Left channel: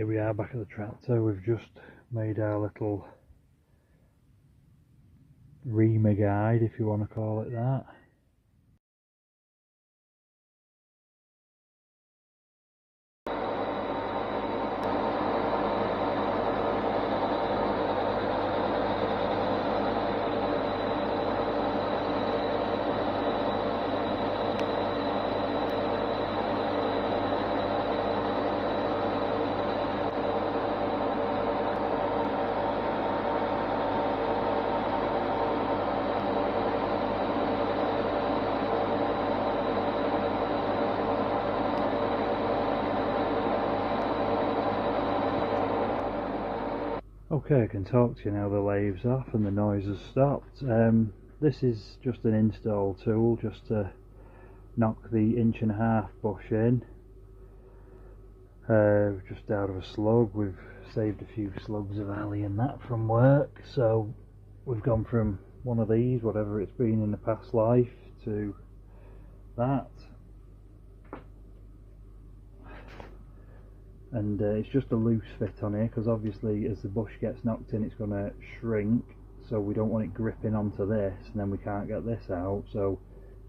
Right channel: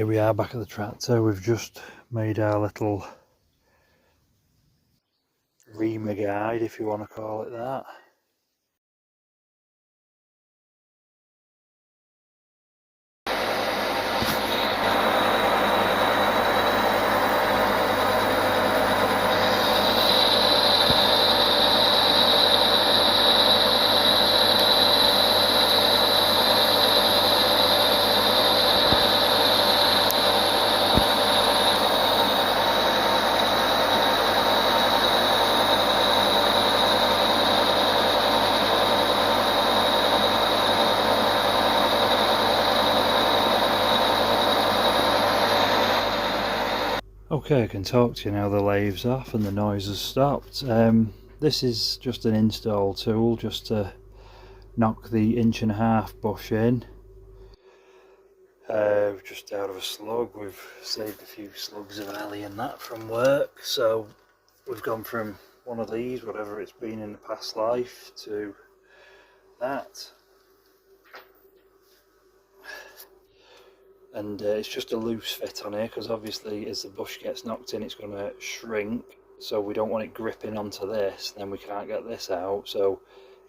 Here we are back at the tractor. We've just made our little reamer guide, if you want to call it that. Okay, I can talk to you now. The lathe's off and the noise has stopped. This is just an install tool just to knock the 1.5" bush in. Just out of a slug. We've saved a few slugs of alley and that from work, so we've gone from one of these, whatever it's been in the past life, to that. And it's just a loose fit on here because obviously as the bush gets knocked in it's going to shrink, so we don't want it gripping onto this and then we can't get this out, so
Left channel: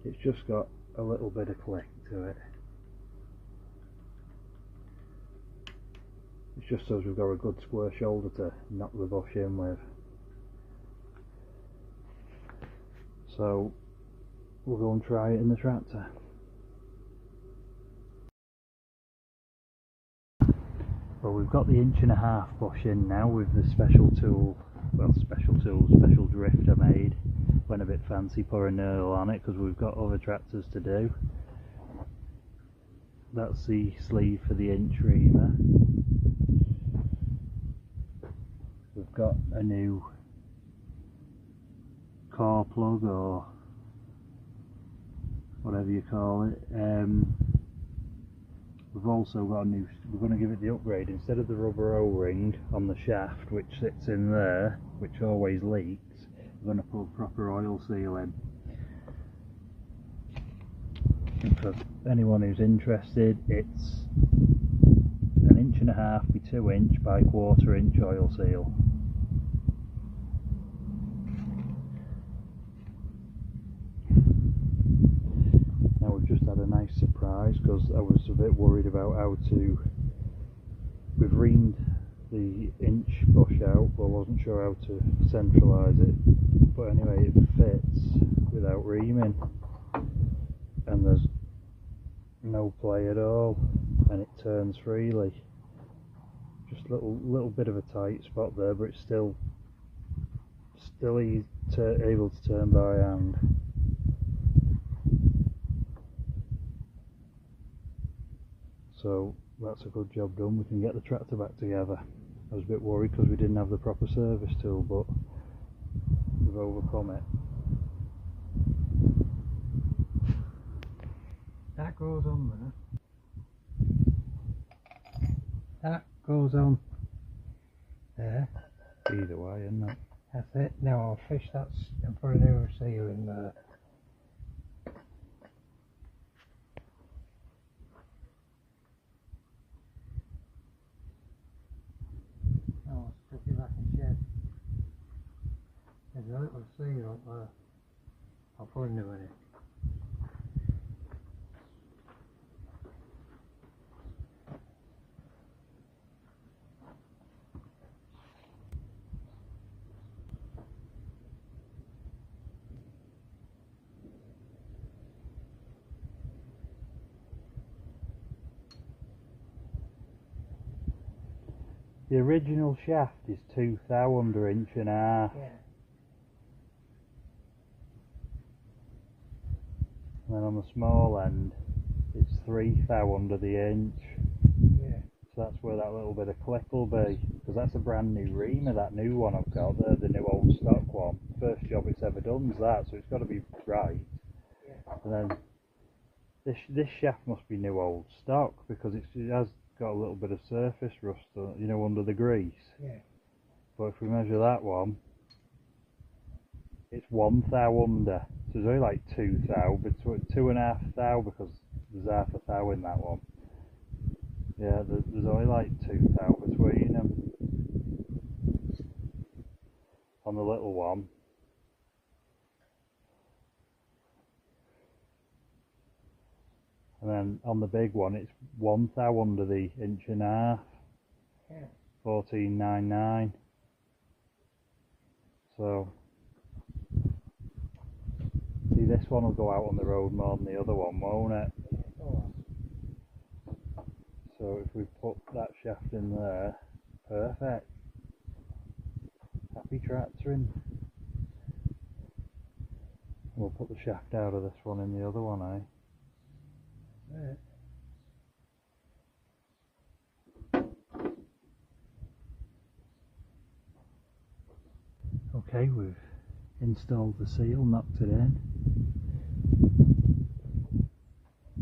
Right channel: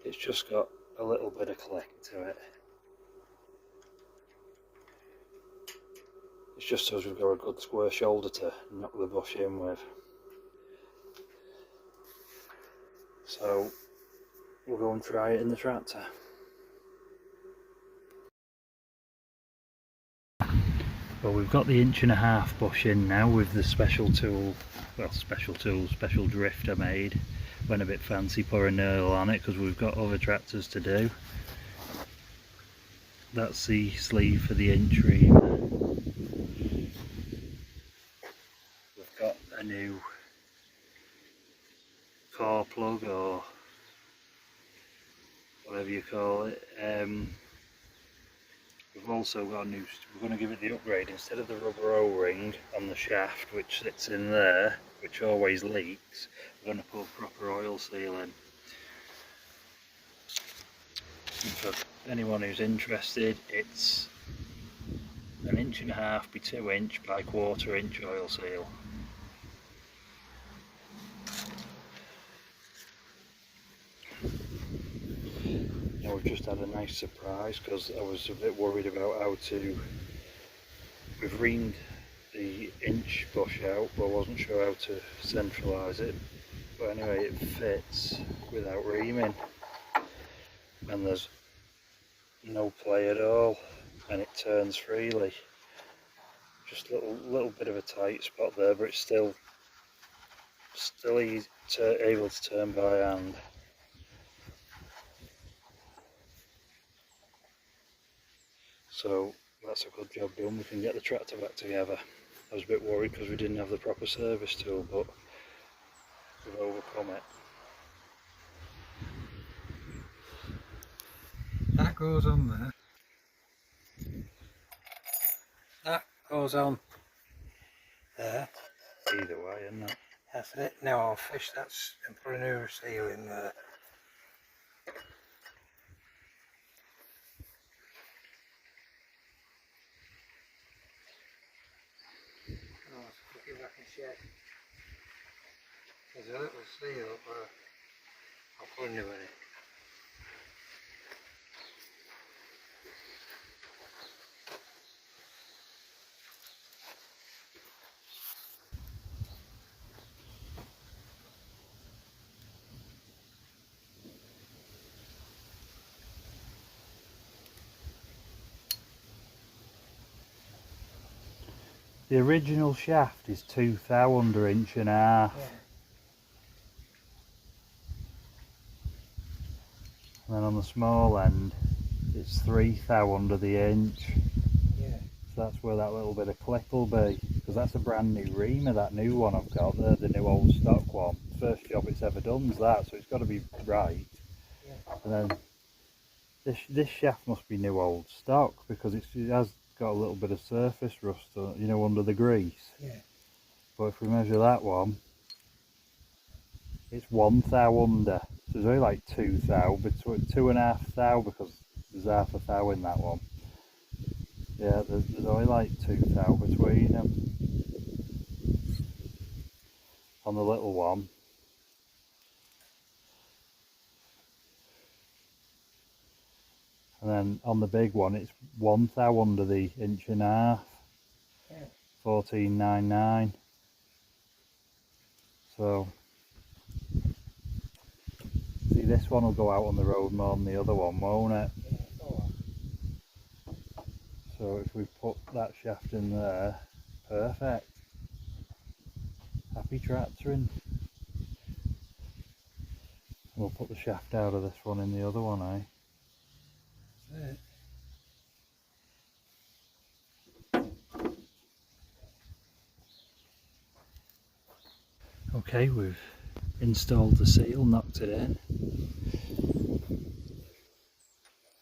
it's just got a little bit of click to it. It's just so we've got a good square shoulder to knock the bush in with. So we'll go and try it in the tractor. Well, we've got the 1.5" bush in now with the special tool, well, special drift I made. Went a bit fancy, put a knurl on it because we've got other tractors to do. That's the sleeve for the inch reamer. We've got a new core plug or whatever you call it. We've also got a new, we're going to give it the upgrade. Instead of the rubber O-ring on the shaft which sits in there, which always leaks, we're going to put proper oil seal in. And for anyone who's interested, it's 1.5" by 2" by 1/4" oil seal. Now we've just had a nice surprise because I was a bit worried about how to, we've reamed the inch bush out but I wasn't sure how to centralise it, but anyway it fits without reaming and there's no play at all and it turns freely. Just a little bit of a tight spot there, but it's still easy able to turn by hand. So that's a good job done. We can get the tractor back together. I was a bit worried because we didn't have the proper service tool, but we've overcome it. That goes on there. That goes on there. Either way, isn't it? That's it. Now I'll fish that and put a new seal in there. Oh, let's look if I can check. There's a little seal up there. I'll put a new one in. The original shaft is 2 thou under 1.5". Yeah. And then on the small end it's 3 thou under the inch. Yeah. So that's where that little bit of click will be, because that's a brand new reamer, that new one I've got there, the new old stock one. First job it's ever done is that, so it's got to be right. Yeah. And then this shaft must be new old stock because it has got a little bit of surface rust, you know, under the grease. Yeah. But if we measure that one, it's 1 thou under, so it's only like 2 thou, between 2.5 thou because there's half a thou in that one. Yeah, there's only like 2 thou between them on the little one. And then on the big one it's 1 thou under the 1.5 inches. Yeah. 14.99. So see, this one will go out on the road more than the other one, won't it? Yeah, so So if we put that shaft in there, perfect. Happy tractoring. We'll put the shaft out of this one in the other one, eh? that's it. Okay, we've installed the seal, knocked it in.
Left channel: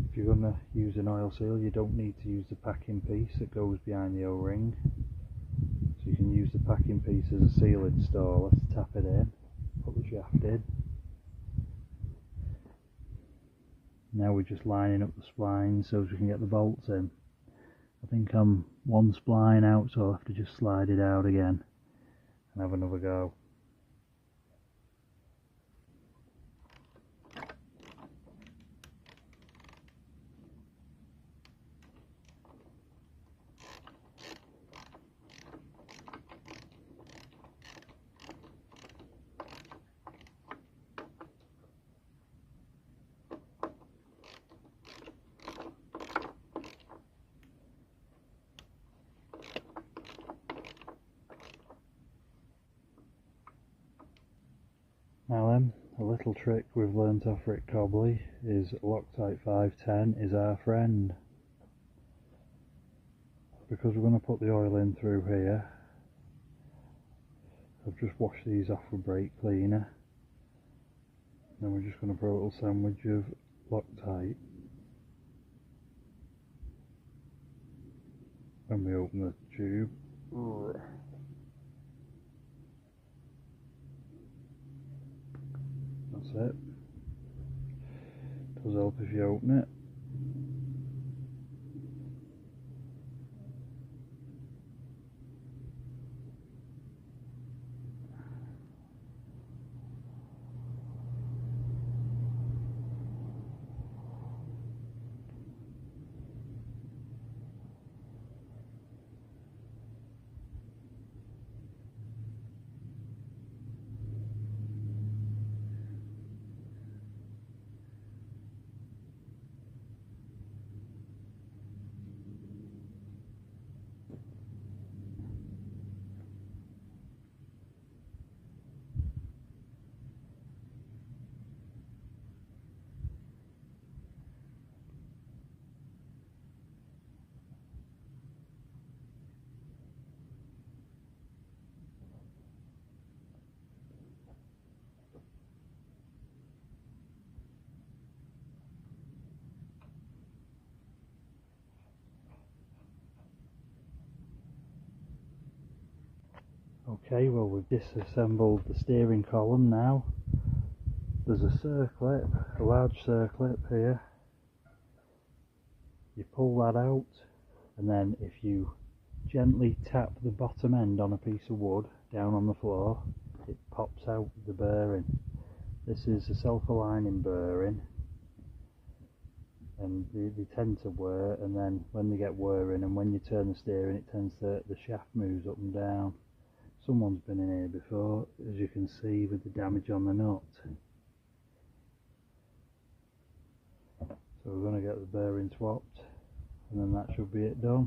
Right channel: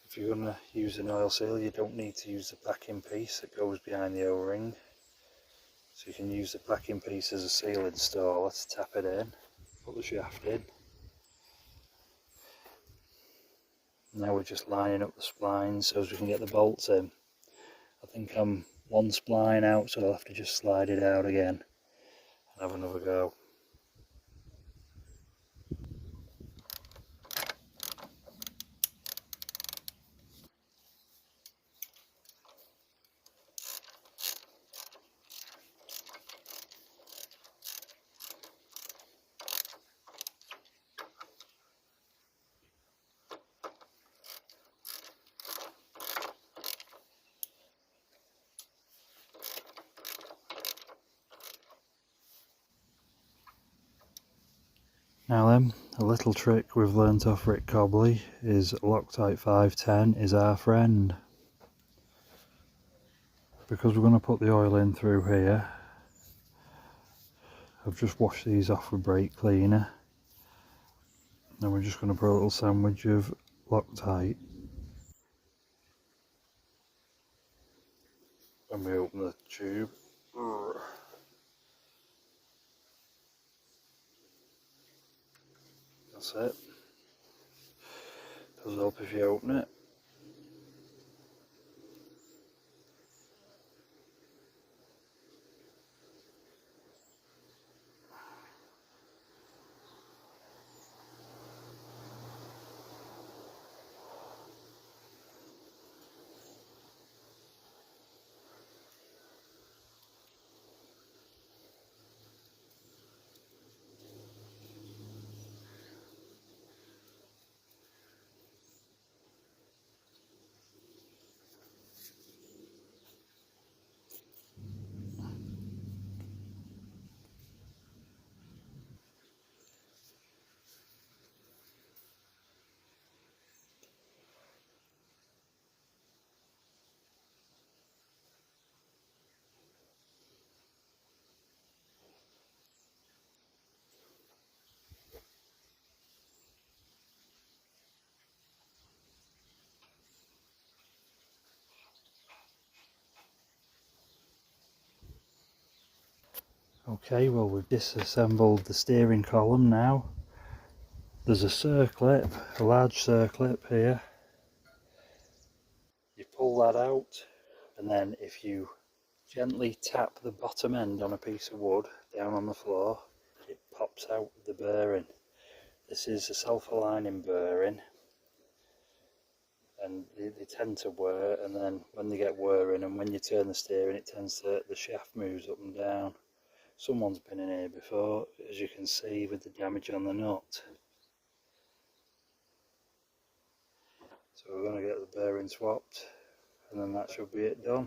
If you're going to use an oil seal, you don't need to use the packing piece that goes behind the O-ring. So you can use the packing piece as a seal installer to tap it in, put the shaft in. Now we're just lining up the splines so as we can get the bolts in. I think I'm 1 spline out, so I'll have to just slide it out again and have another go. Now then, a little trick we've learnt off Rick Cobley is Loctite 510 is our friend. Because we're going to put the oil in through here, I've just washed these off with brake cleaner. Then we're just going to put a little sandwich of Loctite. When we open the tube. That's it. Does help if you open it. Okay, well we've disassembled the steering column now. There's a circlip, a large circlip here. You pull that out, and then if you gently tap the bottom end on a piece of wood down on the floor, it pops out the bearing. This is a self-aligning bearing, and they tend to wear, and then when they get wearing and when you turn the steering, it tends to, the shaft moves up and down. Someone's been in here before, as you can see with the damage on the nut. So we're going to get the bearing swapped, and then that should be it done.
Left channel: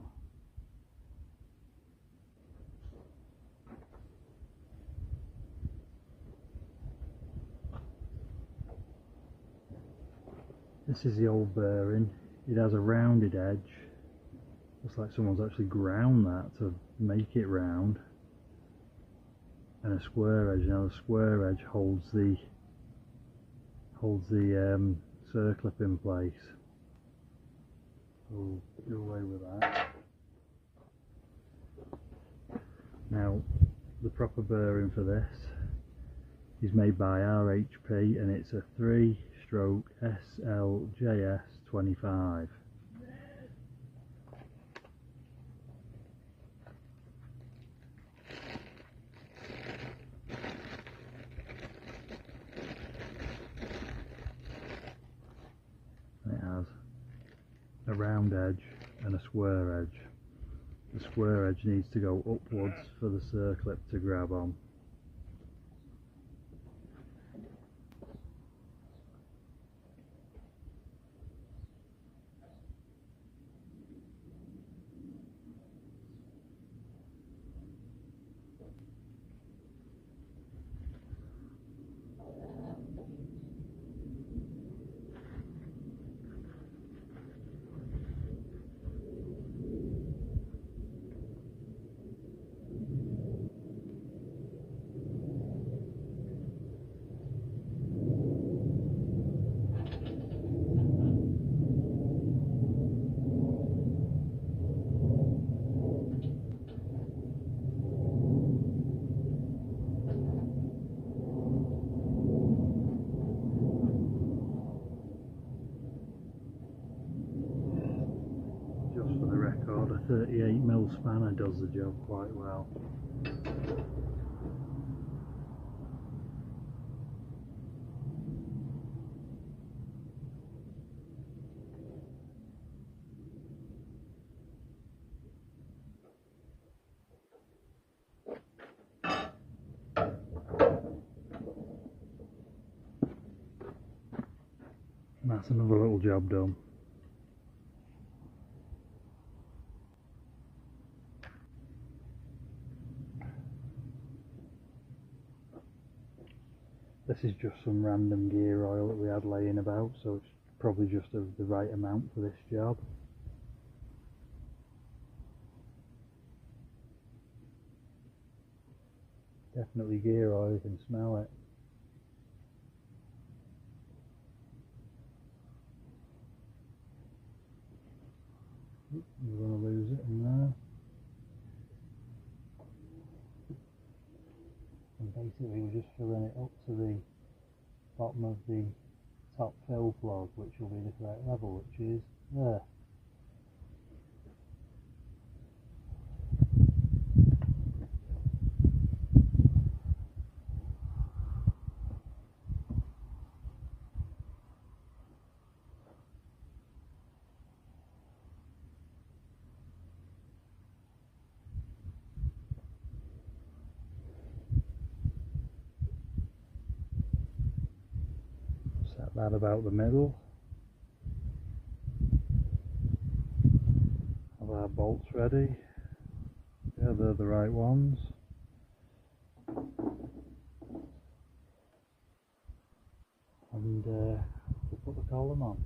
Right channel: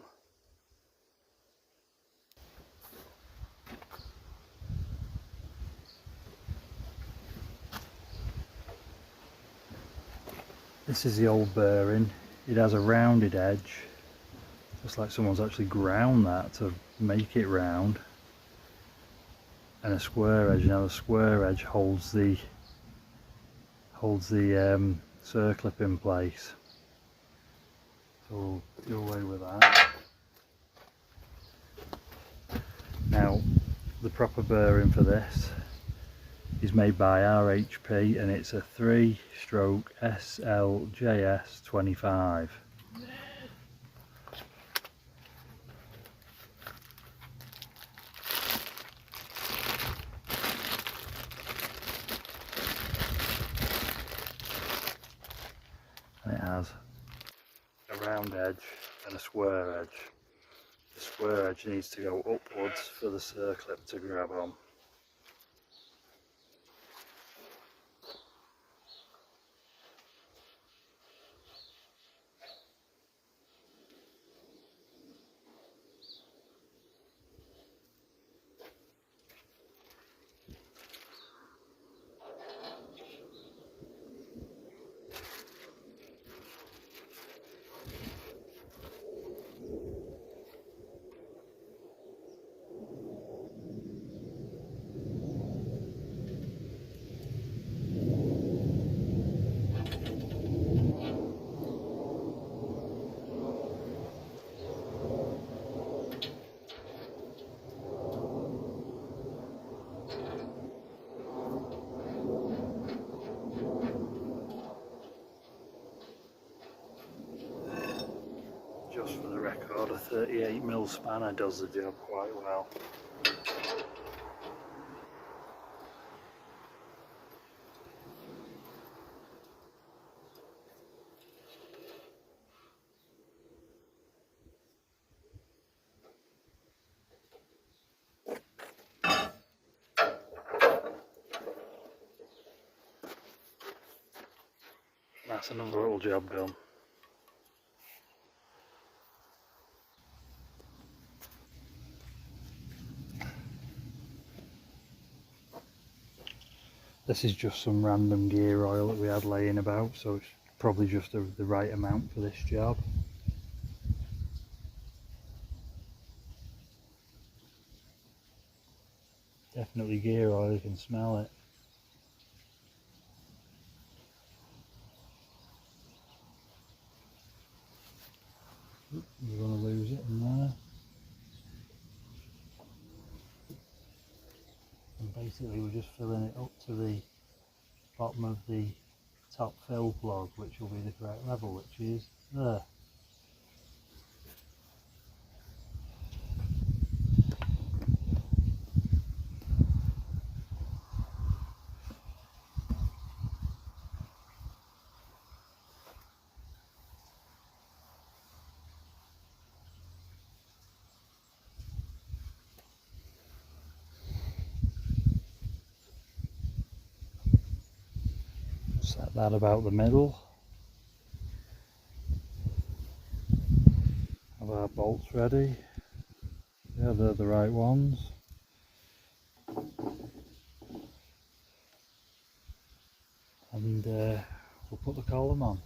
This is the old bearing. It has a rounded edge, just like someone's actually ground that to make it round, and a square edge. Now the square edge holds the circlip in place, so we'll do away with that. Now the proper bearing for this is made by RHP, and it's a 3-stroke SLJS 25. a round edge and a square edge. The square edge needs to go upwards for the circlip to grab on. Just for the record, a 38mm spanner does the job quite well. And that's another little job done. This is just some random gear oil that we had laying about, so it's probably just the right amount for this job. Definitely gear oil, you can smell it. You're going to lose it in there. And basically we're just filling it up to the bottom of the top fill plug, which will be the correct level, which is there. Set that about the middle. Have our bolts ready. Yeah, they're the right ones. And we'll put the column on.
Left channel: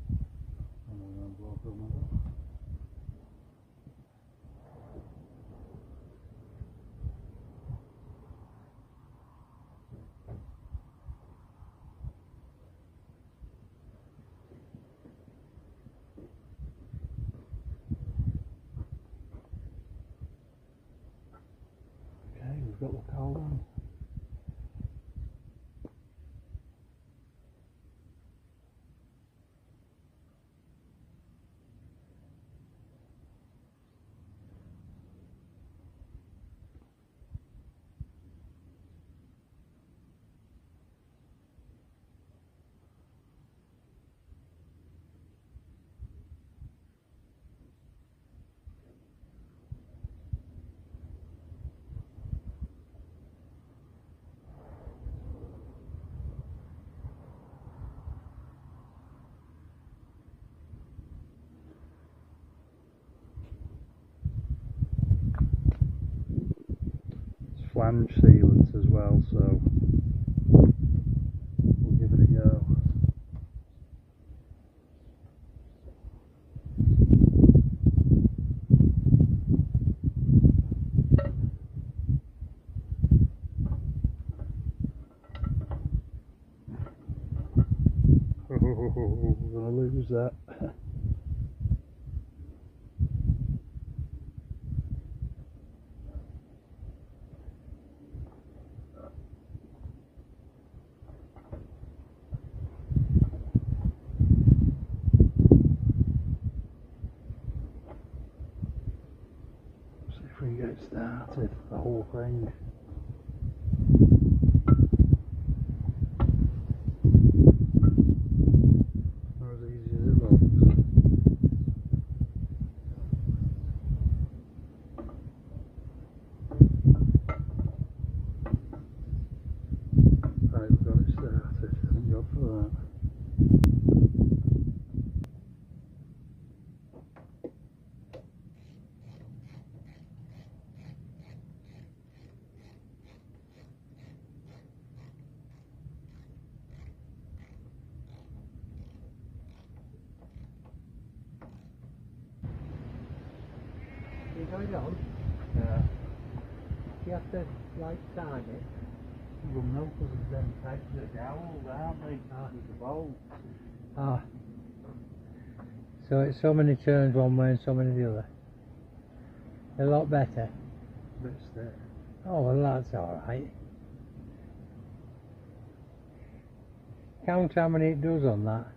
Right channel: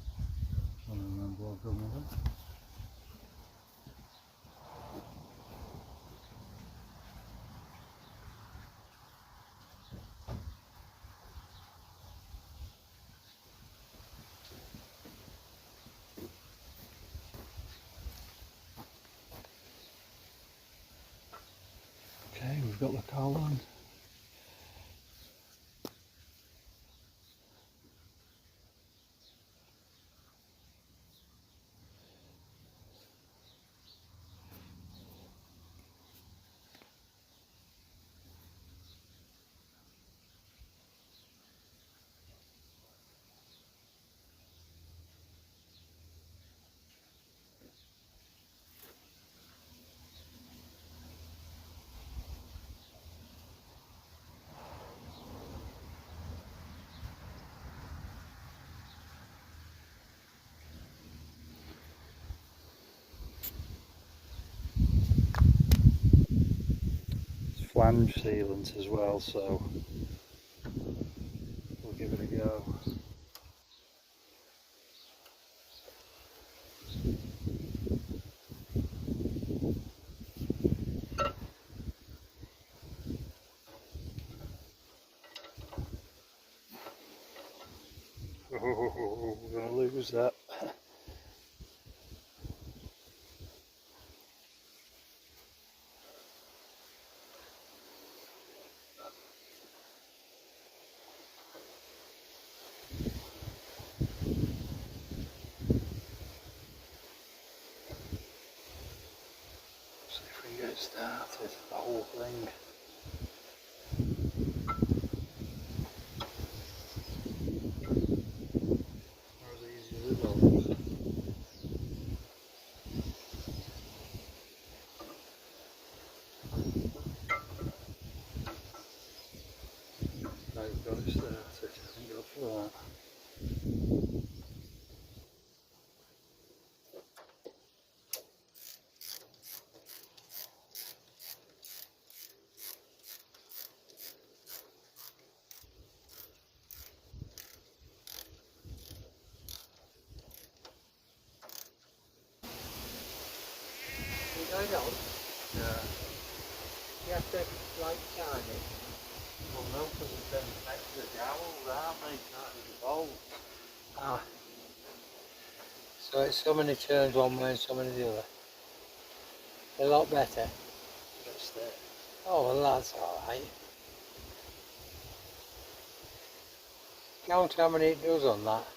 Okay, we've got the column. Flange sealant as well, so we'll give it a go. Oh, we're going to lose that. See if we can get it started, the whole thing. Not as easy as it looks. for that. You going on? Yeah. You have to like time it. Well, no, because of them pegs are dowels, aren't they? With the bolts. Ah. So it's so many turns one way and so many the other. A lot better. A bit stiff. Oh well, that's alright. Count how many it does on that.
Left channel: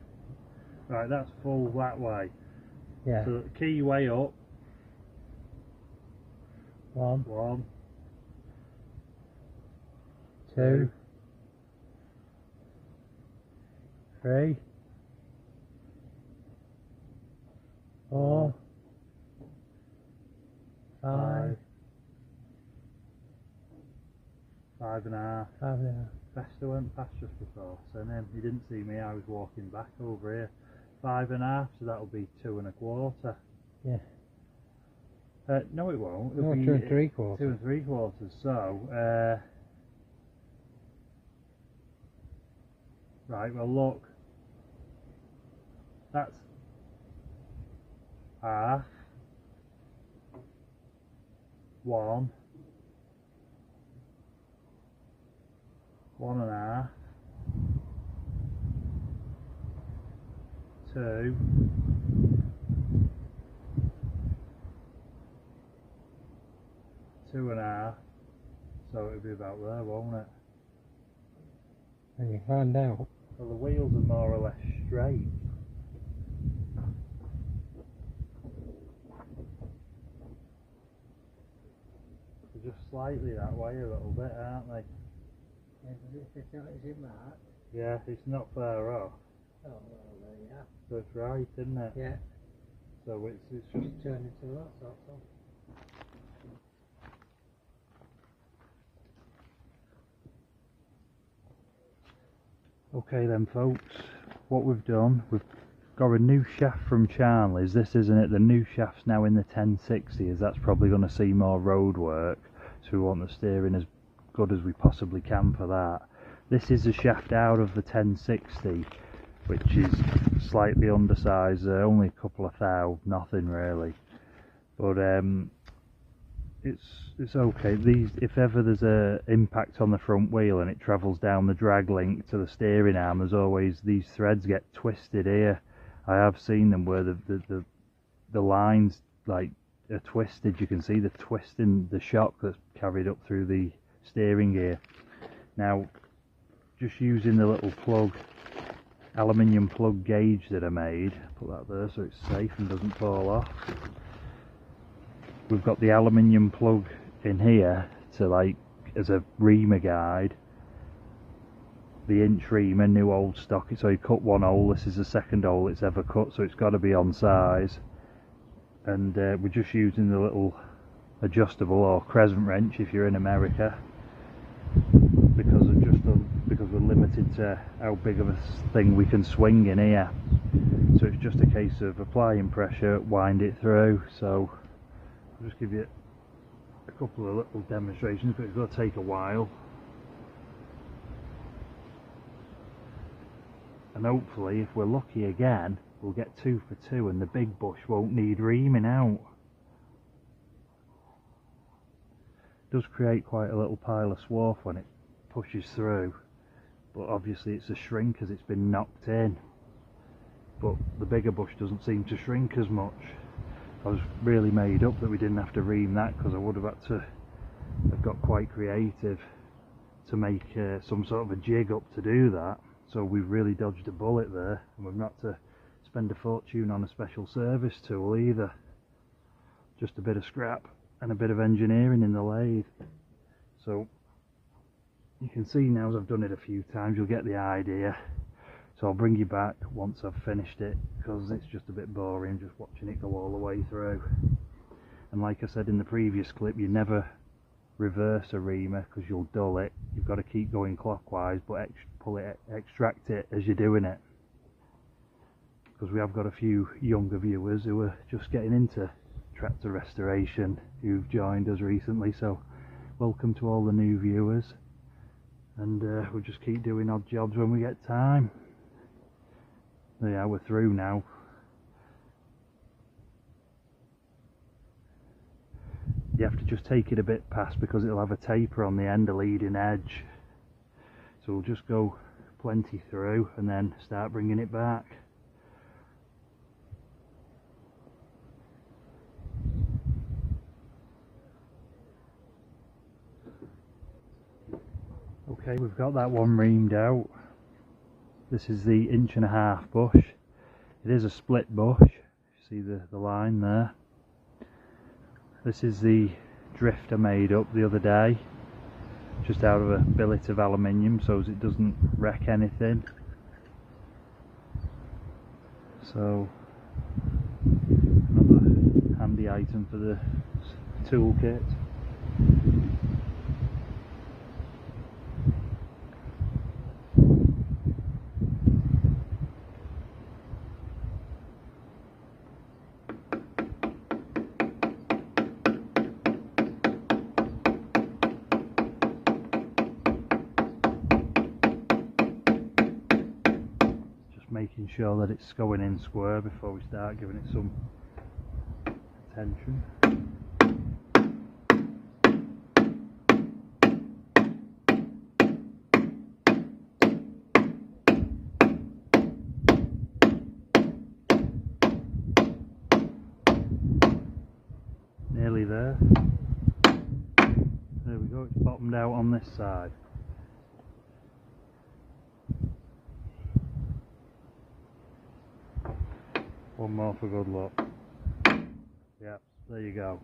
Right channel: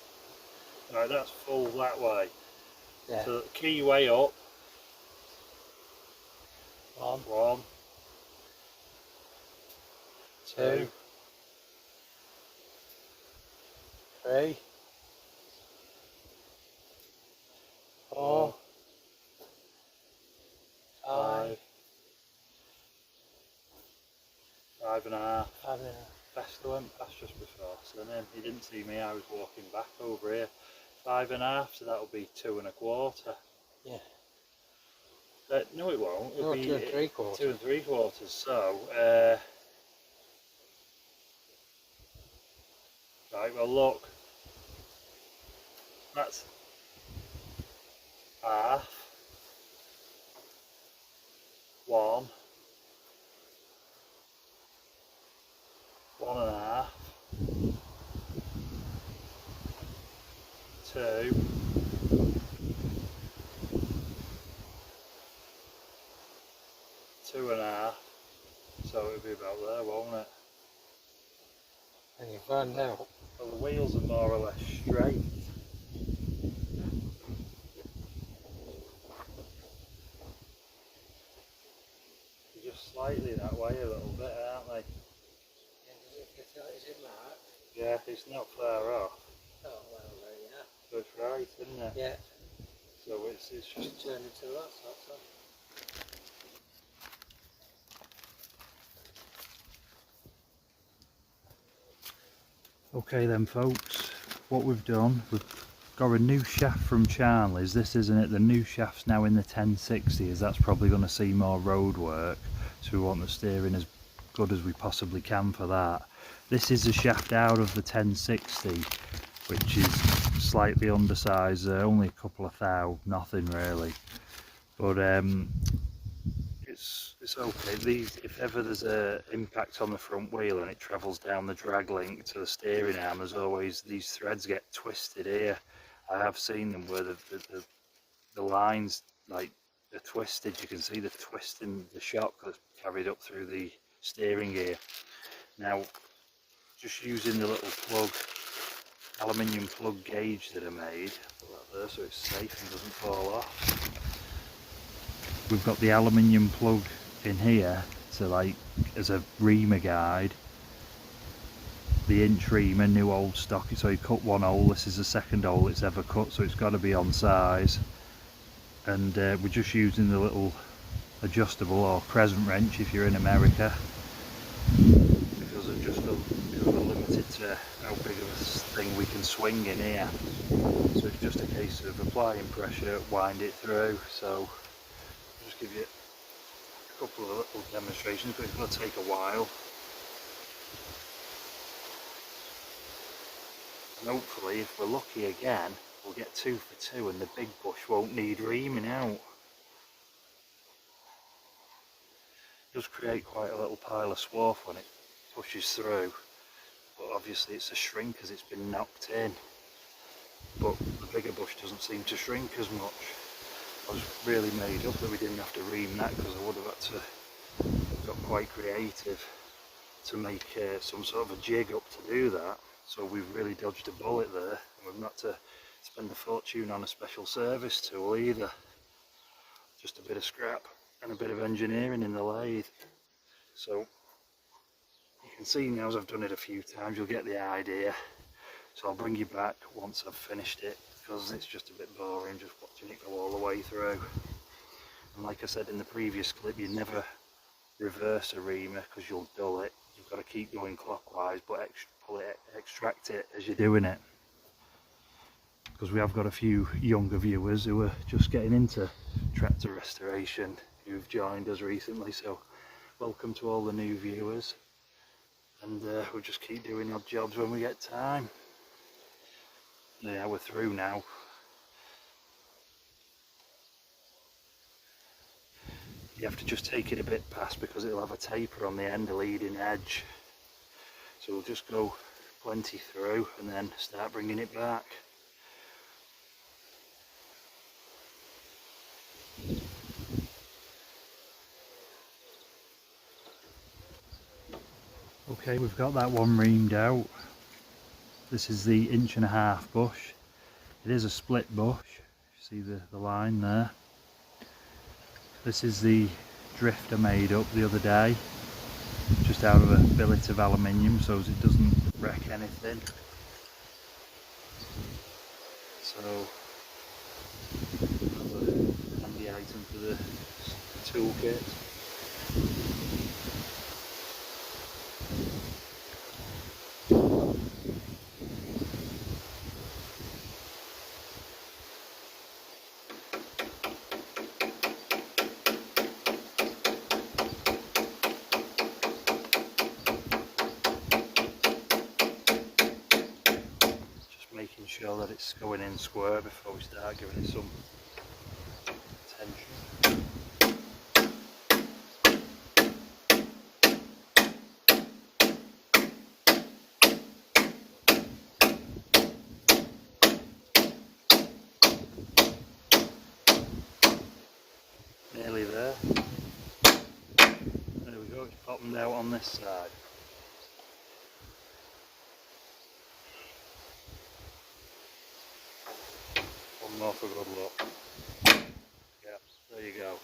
Right, that's full that way. Yeah. So key way up. 1, 1, 2, 3, 4, 5, 5.5. 5.5. Bester went past just before, so then he didn't see me, I was walking back over here. 5.5, so that'll be 2.25. Yeah. No, it won't. It'll No, be 2 3/4. 2 3/4. So, right. Well, look, that's half, 1, 1.5, 2, 2.5. So it'll be about there, won't it? And you find out. Well, the wheels are more or less straight. They're just slightly that way a little bit, aren't they? Yeah, does it fit out? Is it marked? Yeah, it's not far off. Oh well, there you are. So it's right, isn't it? Yeah. So it's just Just turn it to that sort of. okay then, folks. What we've done, we've got a new shaft from Charlie's. This isn't it. The new shaft's now in the 1060s. That's probably going to see more road work. So we want the steering as good as we possibly can for that. This is a shaft out of the 1060, which is slightly undersized. Only a couple of thou, nothing really. But it's okay. These, if ever there's a impact on the front wheel and it travels down the drag link to the steering arm, there's always these threads get twisted here. I have seen them where the lines like are twisted. You can see the twist in the shock that's carried up through the steering gear. Now, just using the little plug, aluminium plug gauge that I made, put that there so it's safe and doesn't fall off. We've got the aluminium plug in here to like as a reamer guide. The inch reamer, new old stock, so you cut one hole. This is the second hole it's ever cut, so it's got to be on size. And we're just using the little adjustable or crescent wrench if you're in America, because we're limited to how big of a thing we can swing in here. So it's just a case of applying pressure, wind it through. So I'll just give you a couple of little demonstrations, but it's going to take a while. And hopefully, if we're lucky again, we'll get 2 for 2 and the big bush won't need reaming out. It does create quite a little pile of swarf when it pushes through, but obviously it's a shrink as it's been knocked in. But the bigger bush doesn't seem to shrink as much. I was really made up that we didn't have to ream that, because I would have had to have got quite creative to make some sort of a jig up to do that. So we've really dodged a bullet there, and we've not to spend a fortune on a special service tool either. Just a bit of scrap and a bit of engineering in the lathe. So you can see now, as I've done it a few times, you'll get the idea. So I'll bring you back once I've finished it, because it's just a bit boring just watching it go all the way through. And like I said in the previous clip, you never reverse a reamer because you'll dull it. You've got to keep going clockwise, but extract it as you're doing it, because we have got a few younger viewers who are just getting into tractor restoration who've joined us recently, so welcome to all the new viewers, and we'll just keep doing odd jobs when we get time. Yeah, we're through now. You have to just take it a bit past because it'll have a taper on the end, a leading edge, so we'll just go plenty through and then start bringing it back. Okay, we've got that one reamed out. This is the 1.5 inch bush. It is a split bush. You see the line there. This is the drift I made up the other day, just out of a billet of aluminium so as it doesn't wreck anything. So another handy item for the toolkit. Making sure that it's going in square before we start giving it some tension. Nearly there. There we go, it's bottomed out on this side. One more for good luck. Yep, there you go.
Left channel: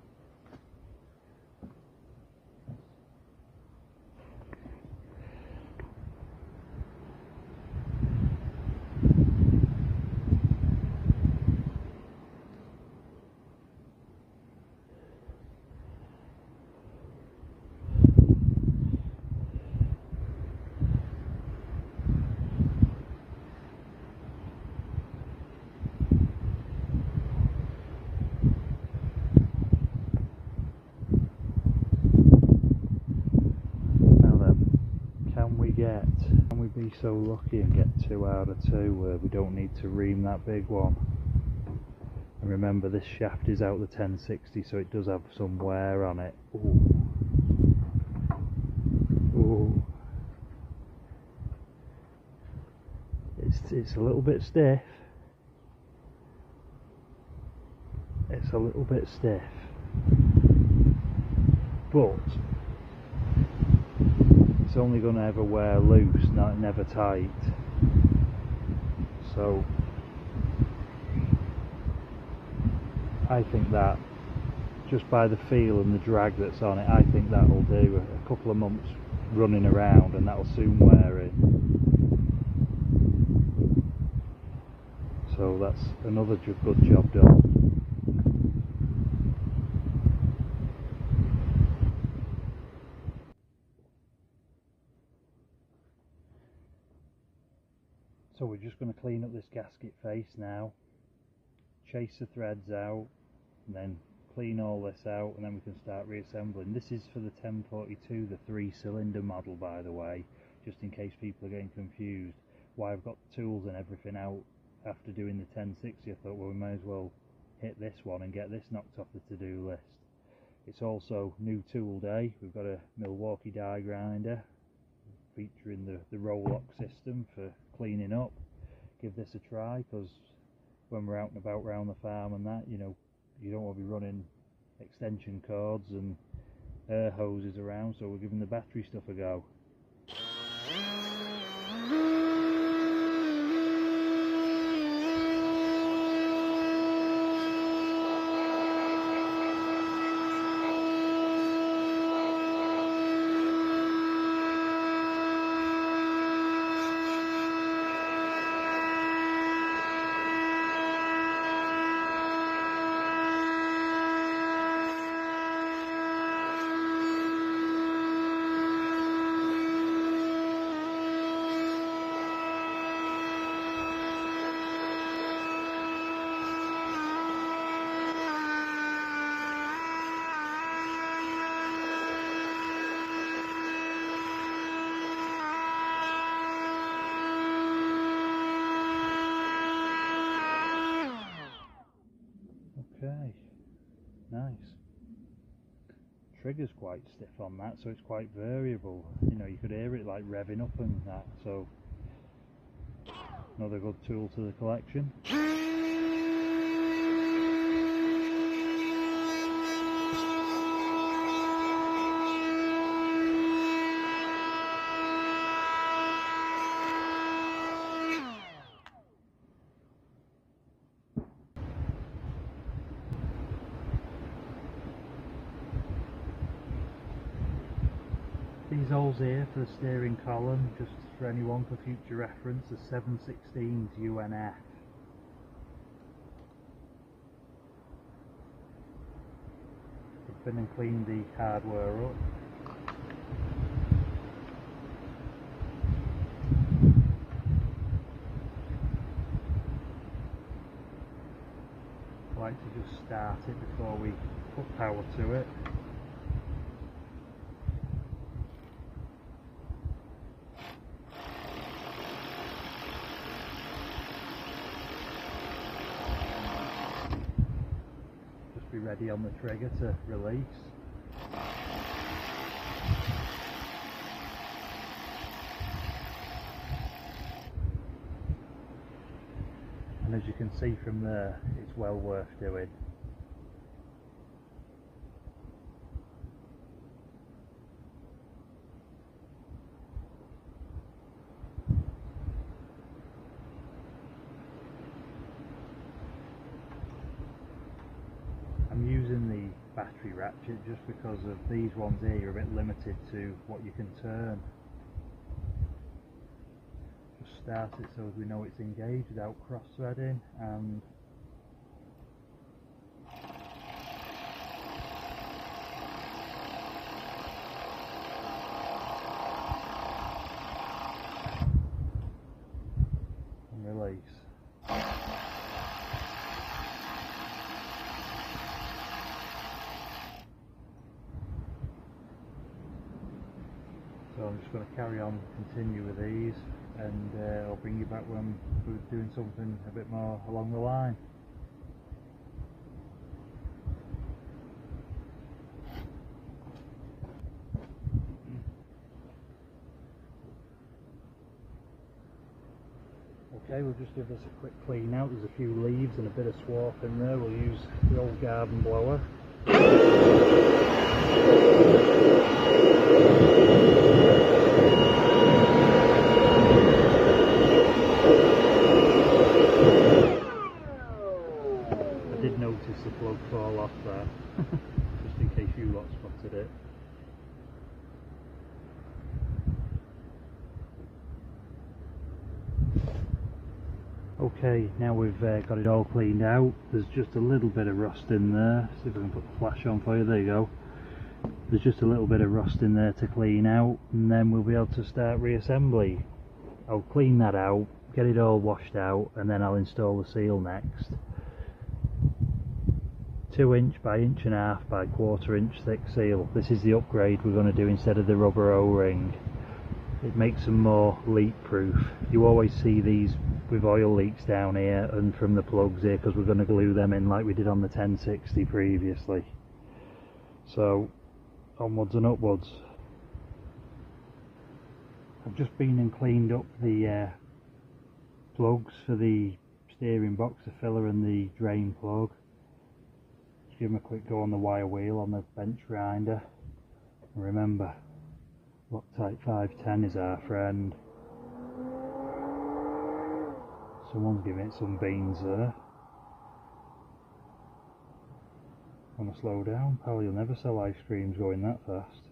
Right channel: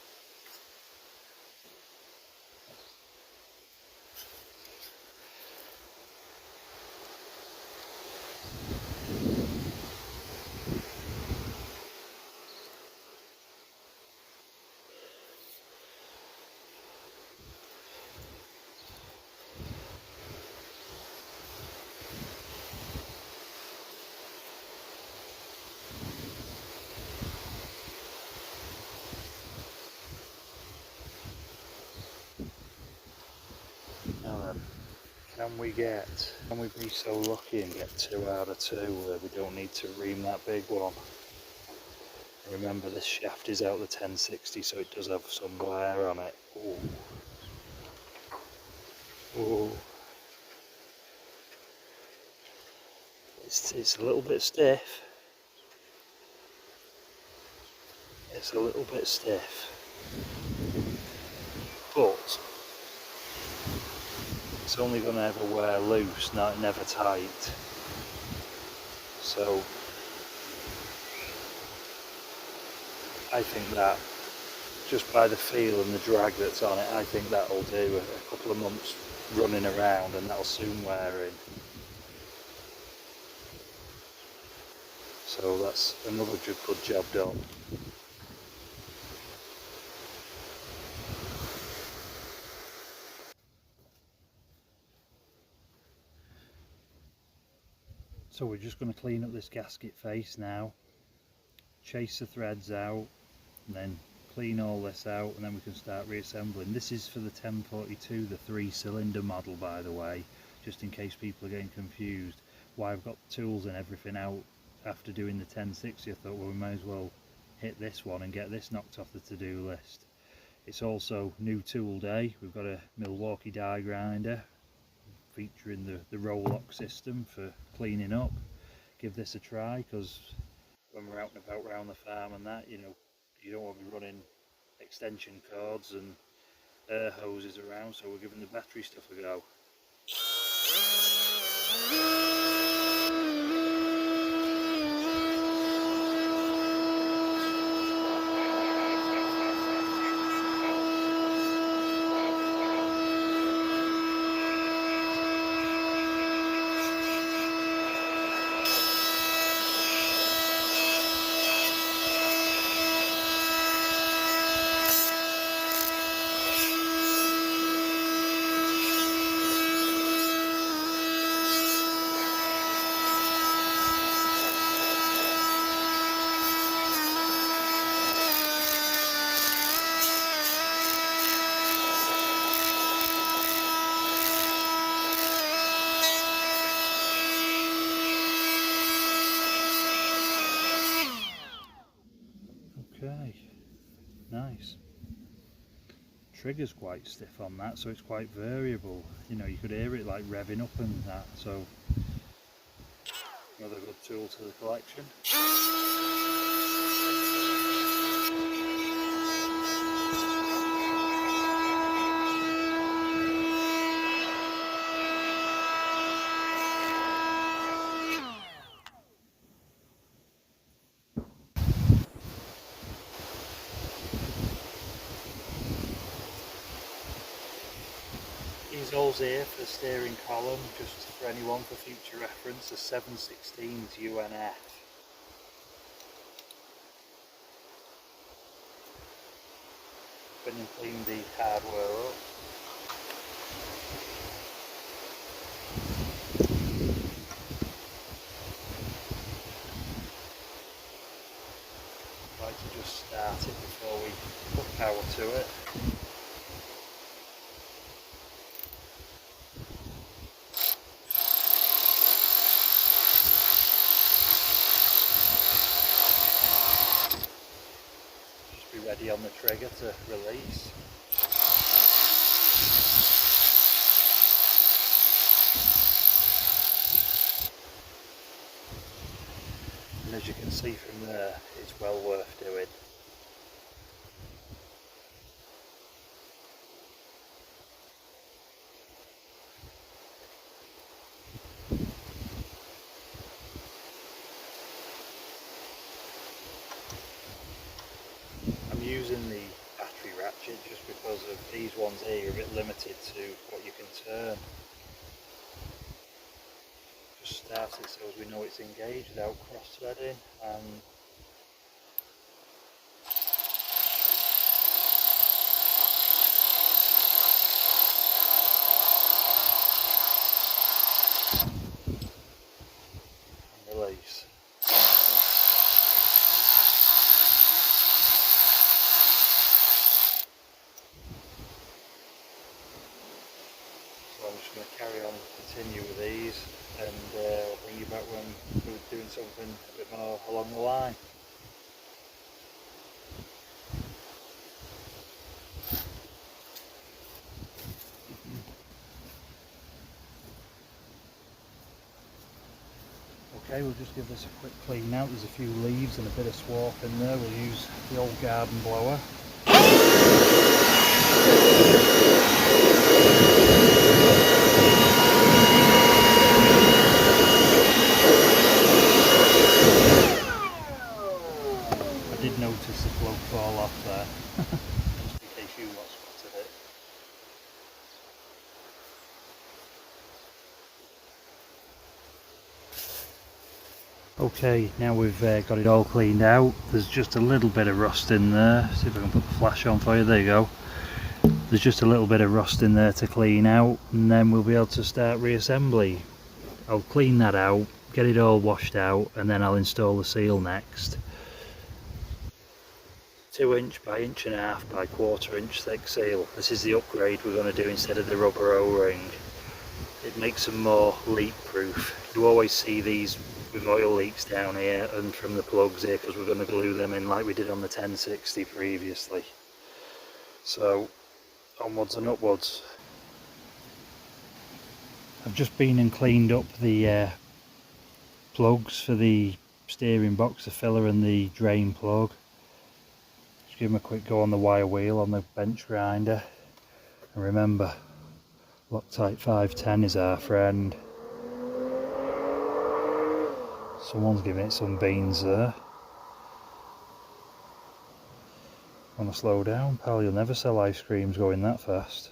Can we be so lucky and get 2 out of 2 where we don't need to ream that big one? And remember, this shaft is out the 1060, so it does have some wear on it. Ooh. Ooh. It's a little bit stiff. It's a little bit stiff, but it's only going to ever wear loose, never tight. So I think that, just by the feel and the drag that's on it, I think that'll do a couple of months running around and that'll soon wear in. So that's another good job done. So we're just going to clean up this gasket face now, chase the threads out, and then clean all this out, and then we can start reassembling. This is for the 1042, the 3-cylinder model, by the way, just in case people are getting confused. Why I've got tools and everything out after doing the 1060, I thought, well, we may as well hit this one and get this knocked off the to-do list. It's also new tool day. We've got a Milwaukee die grinder featuring the roll-lock system for cleaning up. Give this a try, because when we're out and about around the farm and that, you know, you don't want to be running extension cords and air hoses around, so we're giving the battery stuff a go. Okay, nice. Trigger's quite stiff on that, so it's quite variable. You know, you could hear it like revving up and that, so another good tool to the collection. These holes here for the steering column, just for anyone for future reference, are 7/16 UNF. I've been and cleaned the hardware up. I like to just start it before we put power to it. Be ready on the trigger to release. And as you can see from there, it's well worth doing. I'm using the battery ratchet just because of these ones here are a bit limited to what you can turn. Just start it so as we know it's engaged without cross-threading, and release. So I'm just going to carry on and continue with these, and I'll bring you back when we're doing something a bit more along the line. Okay, we'll just give this a quick clean out. There's a few leaves and a bit of swarf in there. We'll use the old garden blower. I did notice the plug fall off there, just in case you lot spotted it. Okay, now we've got it all cleaned out. There's just a little bit of rust in there. See if I can put the flash on for you. There you go. There's just a little bit of rust in there to clean out, and then we'll be able to start reassembly. I'll clean that out, get it all washed out, and then I'll install the seal next. 2" by 1.5" by 1/4" thick seal. This is the upgrade we're going to do instead of the rubber O-ring. It makes them more leak proof. You always see these with oil leaks down here and from the plugs here because we're going to glue them in like we did on the 1060 previously. So onwards and upwards. I've just been and cleaned up the plugs for the steering box, the filler and the drain plug. Just give them a quick go on the wire wheel on the bench grinder, and remember, Loctite 510 is our friend. Someone's giving it some beans there. Want to slow down, pal? You'll never sell ice creams going that fast.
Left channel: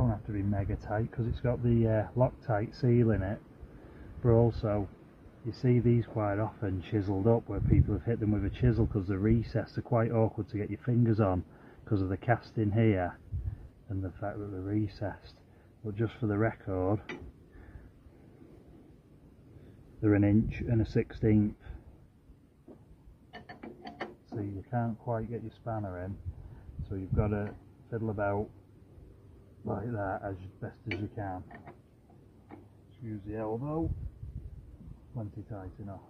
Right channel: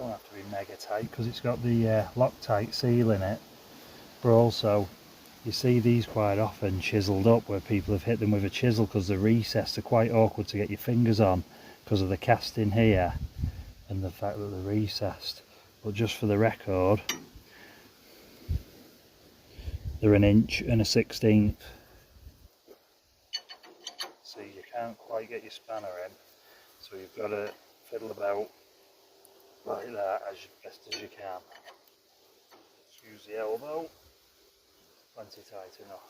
don't have to be mega tight because it's got the Loctite seal in it, but also you see these quite often chiseled up where people have hit them with a chisel because they're recessed. They're quite awkward to get your fingers on because of the casting here and the fact that they're recessed. But just for the record, they're 1 1/16 inch, so you can't quite get your spanner in, so you've got to fiddle about like that as best as you can. Just use the elbow, plenty tight enough.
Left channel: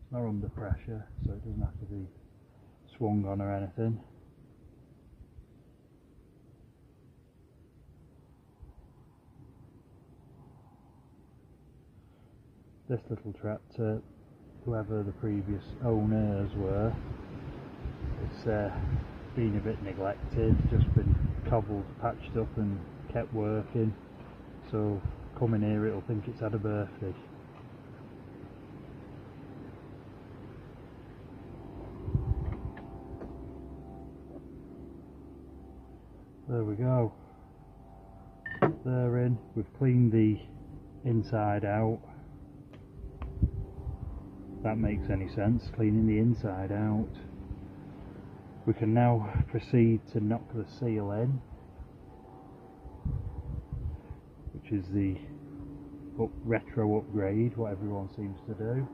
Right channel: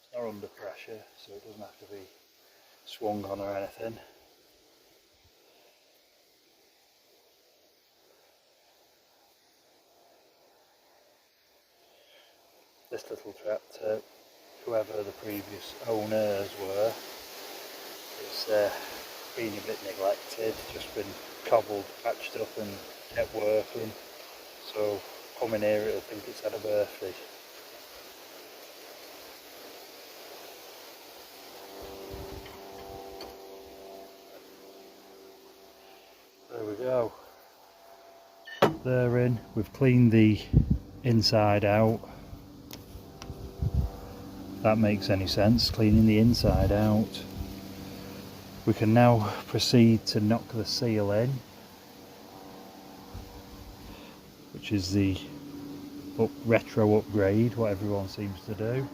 It's not under pressure, so it doesn't have to be swung on or anything. This little tractor, whoever the previous owners were, it's been a bit neglected, just been cobbled, patched up and kept working, so coming here it'll think it's had a birthday. There we go, they're in. We've cleaned the inside out. If that makes any sense, cleaning the inside out. We can now proceed to knock the seal in, which is the retro upgrade, what everyone seems to do.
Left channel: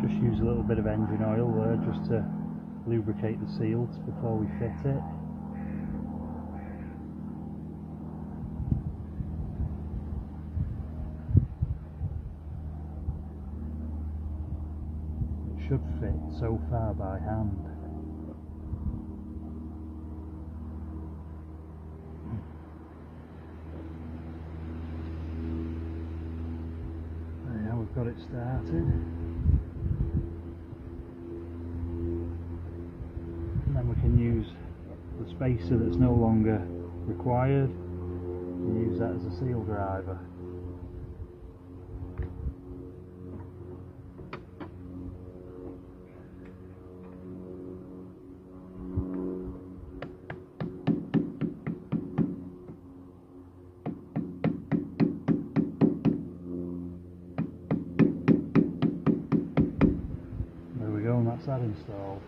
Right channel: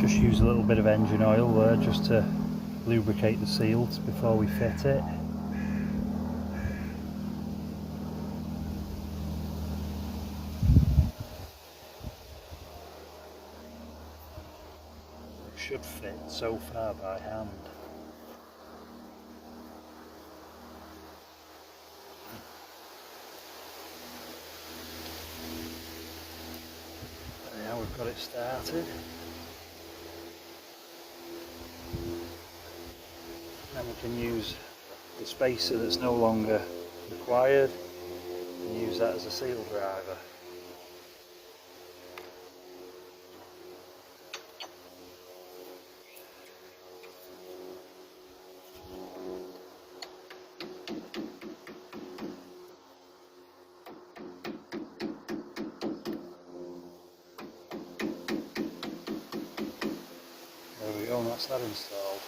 Just use a little bit of engine oil there just to lubricate the seals before we fit it. It should fit so far by hand. And now we've got it started. Then we can use the spacer that's no longer required and use that as a seal driver. There we go, and that's that installed.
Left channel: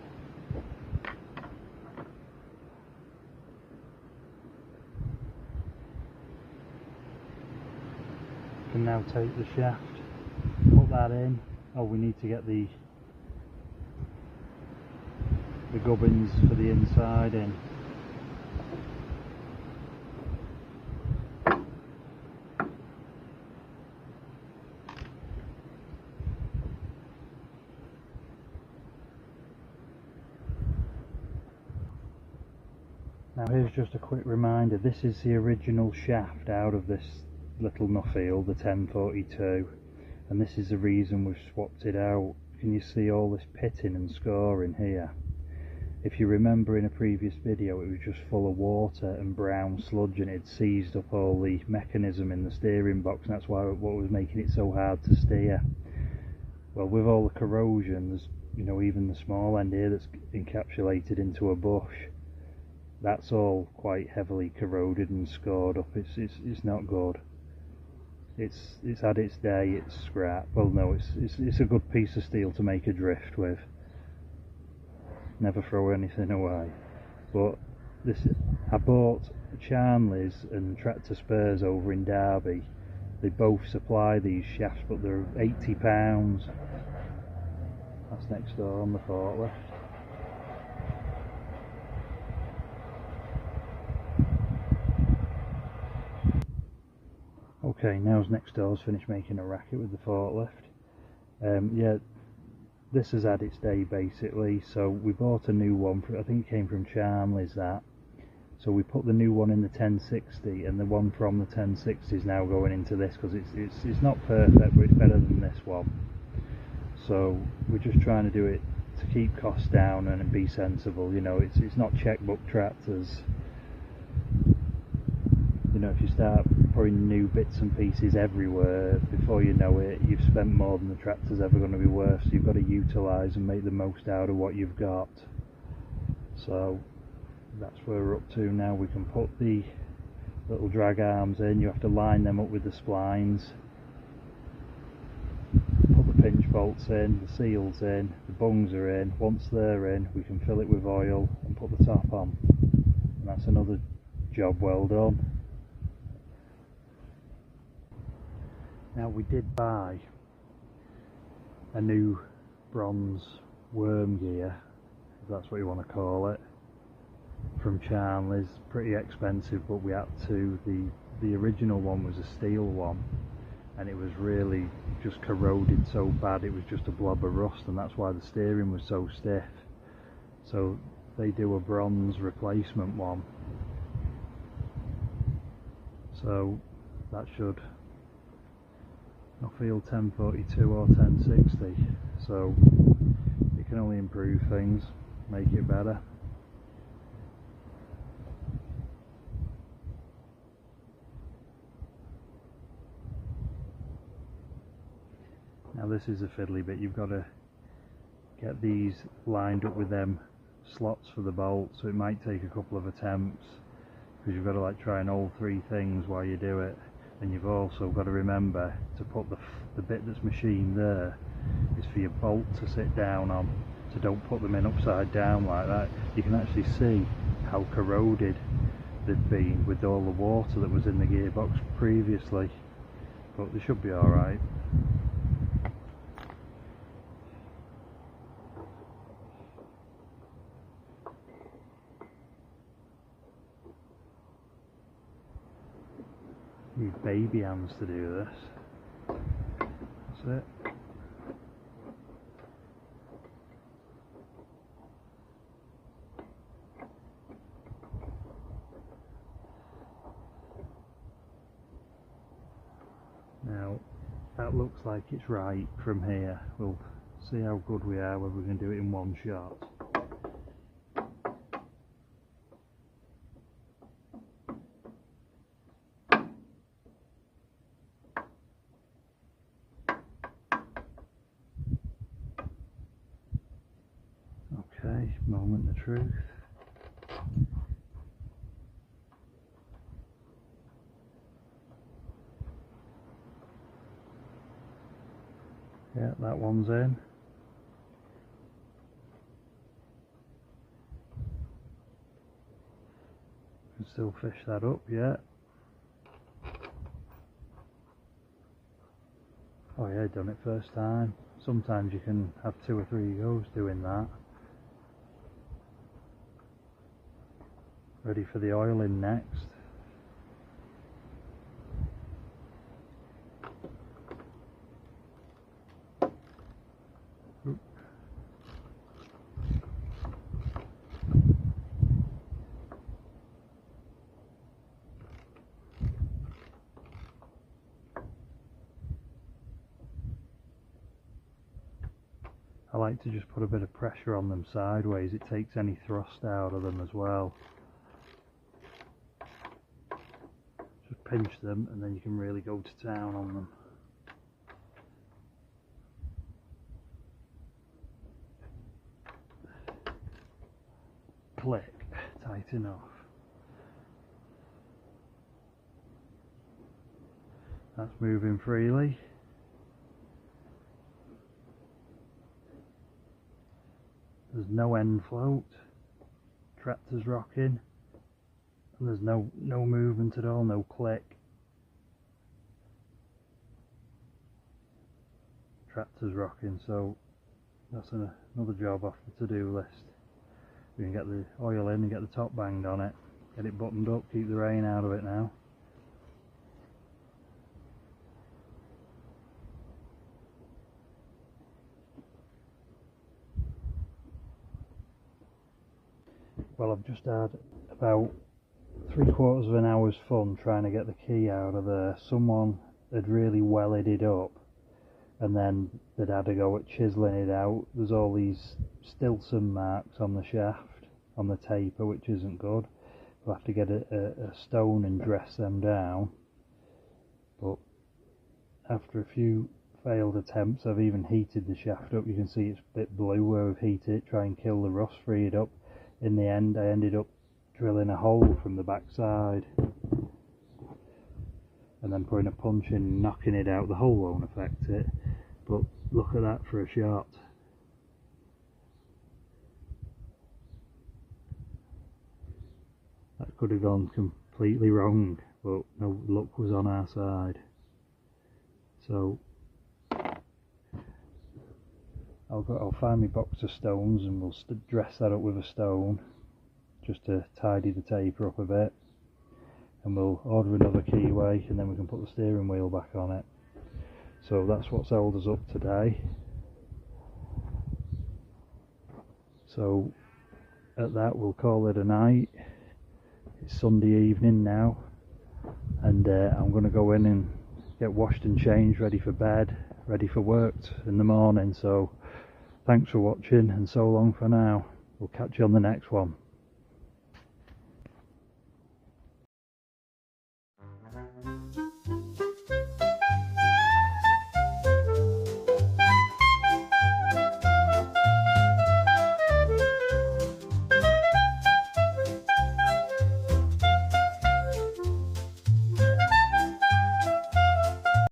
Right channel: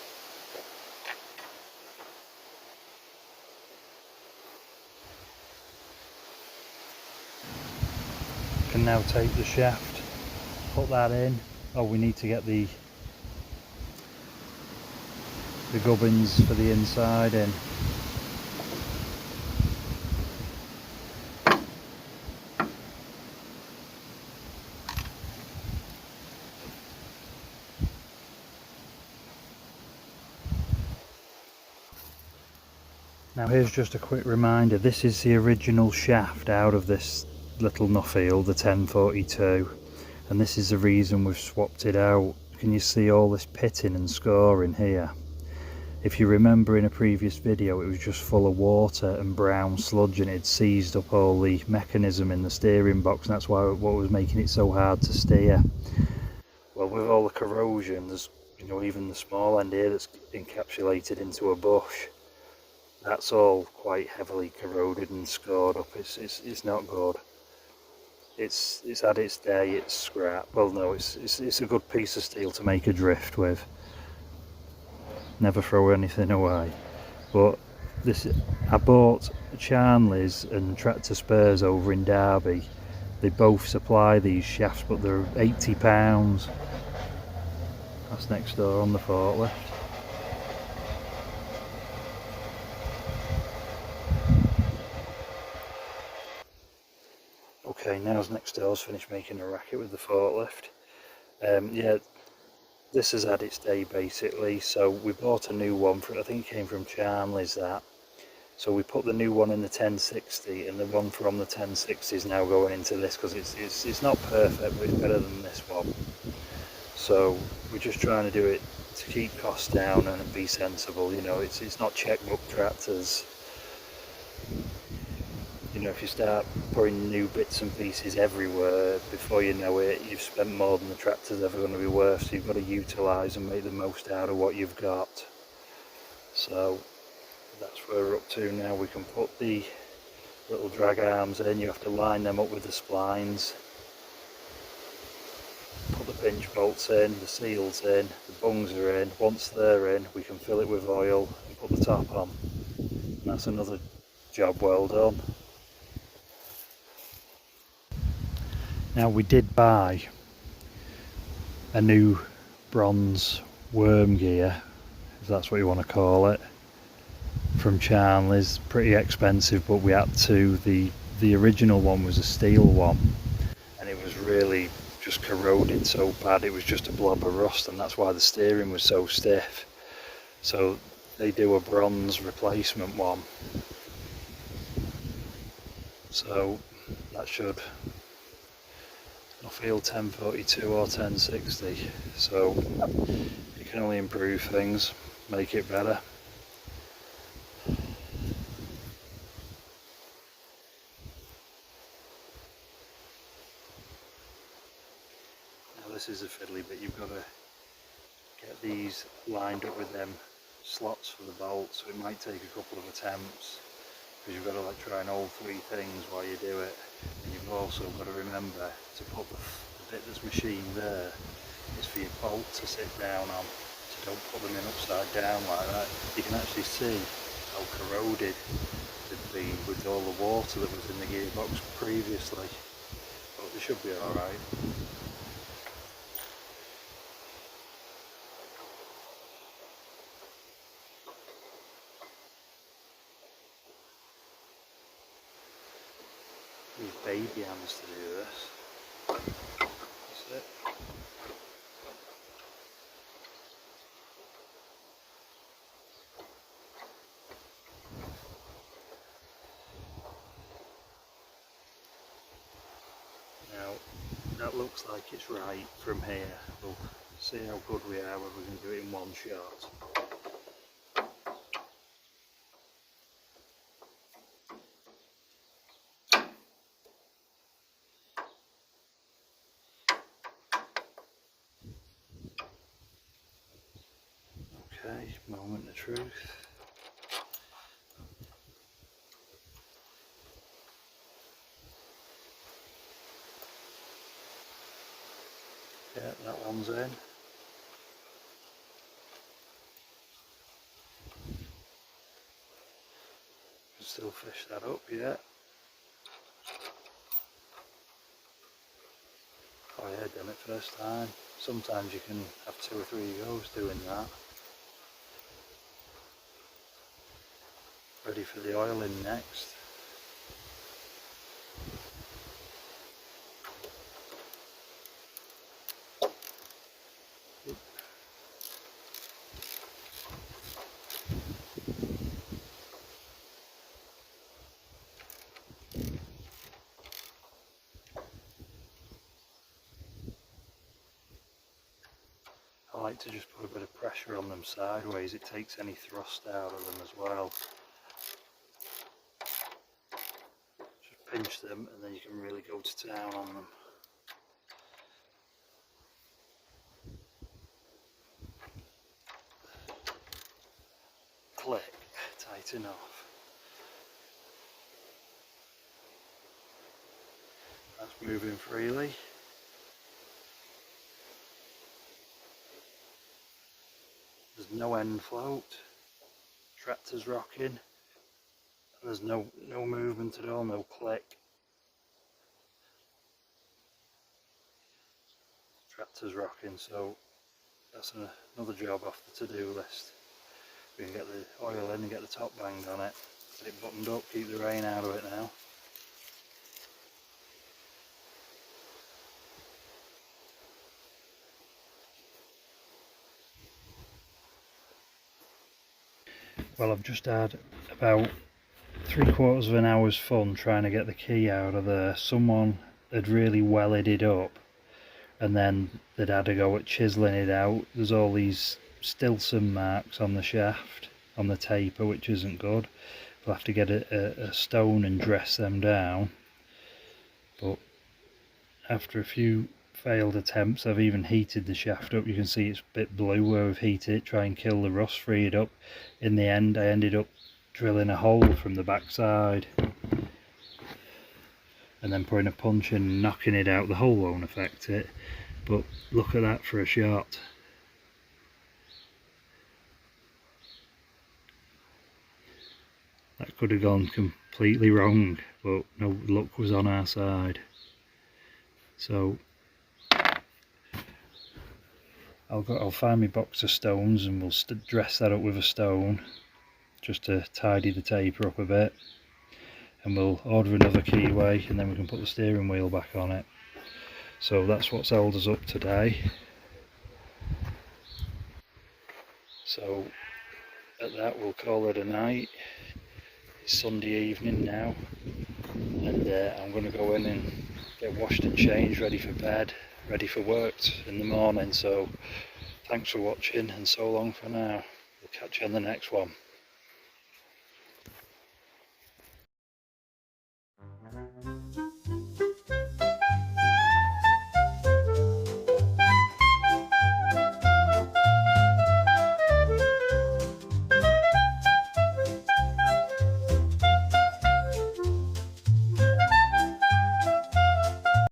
Can now take the shaft, put that in. Oh, we need to get the gubbins for the inside in. Now here's just a quick reminder, this is the original shaft out of this little Nuffield, the 1042, and this is the reason we've swapped it out. Can you see all this pitting and scoring here? If you remember in a previous video, it was just full of water and brown sludge and it seized up all the mechanism in the steering box, and that's why what was making it so hard to steer. Well, with all the corrosion, there's, you know, even the small end here that's encapsulated into a bush, that's all quite heavily corroded and scored up. It's not good. It's had its day, it's scrap. Well, no, it's a good piece of steel to make a drift with. Never throw anything away. But this, I bought Charnley's and Tractor Spares over in Derby. They both supply these shafts, but they're £80. That's next door on the forklift. Okay, now's next door's finished making a racket with the forklift. Yeah, this has had its day basically, so we bought a new one, I think it came from Charnley's that, So we put the new one in the 1060, and the one from the 1060 is now going into this, because it's not perfect, but it's better than this one. So we're just trying to do it to keep costs down and be sensible. You know, it's not checkbook tractors. You know, if you start putting new bits and pieces everywhere, before you know it, you've spent more than the tractor's ever going to be worth. So you've got to utilise and make the most out of what you've got. So that's where we're up to now. We can put the little drag arms in. You have to line them up with the splines. Put the pinch bolts in, the seals in, the bungs are in. Once they're in, we can fill it with oil and put the top on. And that's another job well done. Now, we did buy a new bronze worm gear, if that's what you want to call it, from Charnley's. Pretty expensive, but we had to. The original one was a steel one, and it was really just corroded so bad it was just a blob of rust, and that's why the steering was so stiff. So they do a bronze replacement one, so that should Nuffield 1042 or 1060, so you can only improve things, make it better. Now this is a fiddly bit. You've got to get these lined up with them slots for the bolt, so it might take a couple of attempts, because you've got to like try and all three things while you do it. And you've also got to remember to put the bit that's machined there is for your bolt to sit down on, so don't put them in upside down like that. You can actually see how corroded they'd been with all the water that was in the gearbox previously, but they should be alright. Use baby hands to do this. That's it. Now that looks like it's right from here. We'll see how good we are, whether we can do it in one shot. Okay, moment of truth. Yeah, that one's in. Can still fish that up, yeah. Oh yeah, done it first time. Sometimes you can have 2 or 3 goes doing that. Ready for the oiling next. Oop. I like to just put a bit of pressure on them sideways. It takes any thrust out of them as well. Just pinch them and then you can really go to town on them. Click, tighten off. That's moving freely. There's no end float. Tractor's rocking. And there's no movement at all, no click. Tractor's rocking, so that's another job off the to-do list. We can get the oil in and get the top banged on it. Get it buttoned up, keep the rain out of it now. Well, I've just had about 3/4 of an hour's fun trying to get the key out of there. Someone had really wellied it up, and then they'd had a go at chiselling it out. There's all these Stilson marks on the shaft, on the taper, which isn't good. We'll have to get a stone and dress them down. But after a few failed attempts, I've even heated the shaft up. You can see it's a bit blue where we've heated it, try and kill the rust, free it up. In the end, I ended up drilling a hole from the back side and then putting a punch in and knocking it out. The hole won't affect it, but look at that for a shot. That could have gone completely wrong, but no luck was on our side. So I'll find my box of stones and we'll dress that up with a stone just to tidy the taper up a bit, and we'll order another keyway and then we can put the steering wheel back on it. So that's what's held us up today. So at that we'll call it a night. It's Sunday evening now, and I'm going to go in and get washed and changed, ready for bed, ready for work in the morning. So thanks for watching, and so long for now. We'll catch you on the next one.